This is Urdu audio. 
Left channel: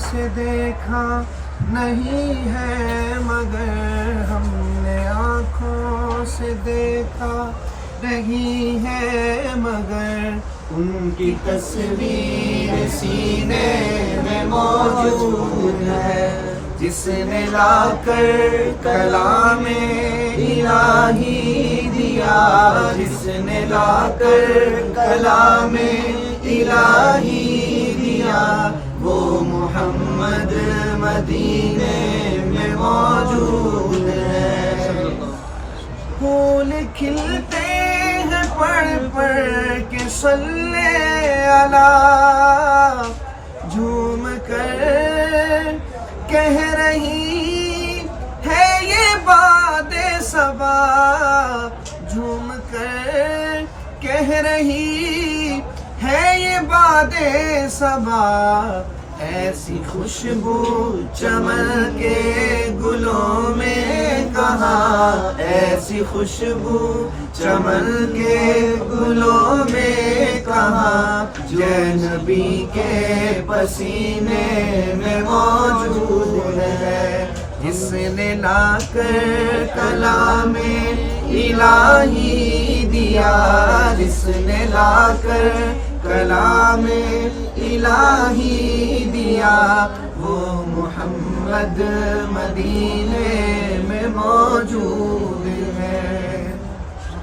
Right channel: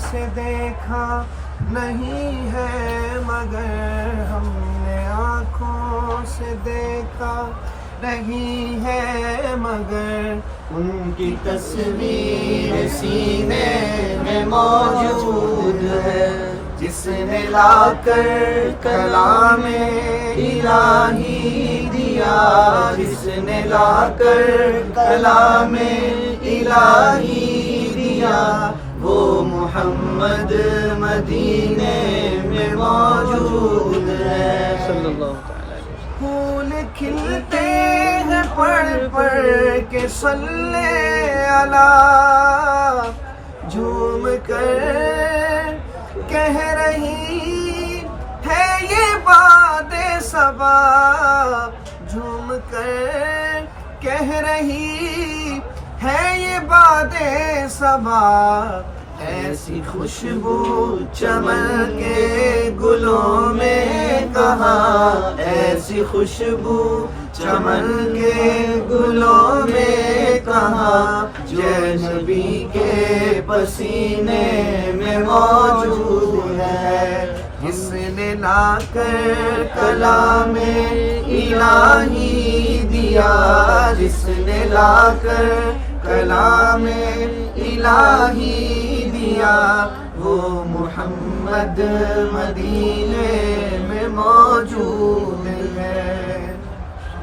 سے دیکھا نہیں ہے مگر ہم نے آنکھوں سے دیکھا نہیں ہے مگر ان کی تصویر سینے میں موجود ہے جس نے لا کر کلام الہی دیا جس نے لا کر کلام الہی دیا وہ محمد مدینے میں موجود ہے پھول کھلتے ہیں پڑھ پڑھ کے صلی اللہ جھوم کر کہہ رہی ہے یہ باد صبا جھوم کر کہہ رہی ہے یہ باد صبا ایسی خوشبو چمن کے گلوں میں کہاں ایسی خوشبو چمن کے گلوں میں کہاں جو نبی کے پسینے میں موجود ہے جس نے لا کر کلام الہی دیا جس نے لا کر کلام الہی دیا وہ محمد مدینے میں موجود ہے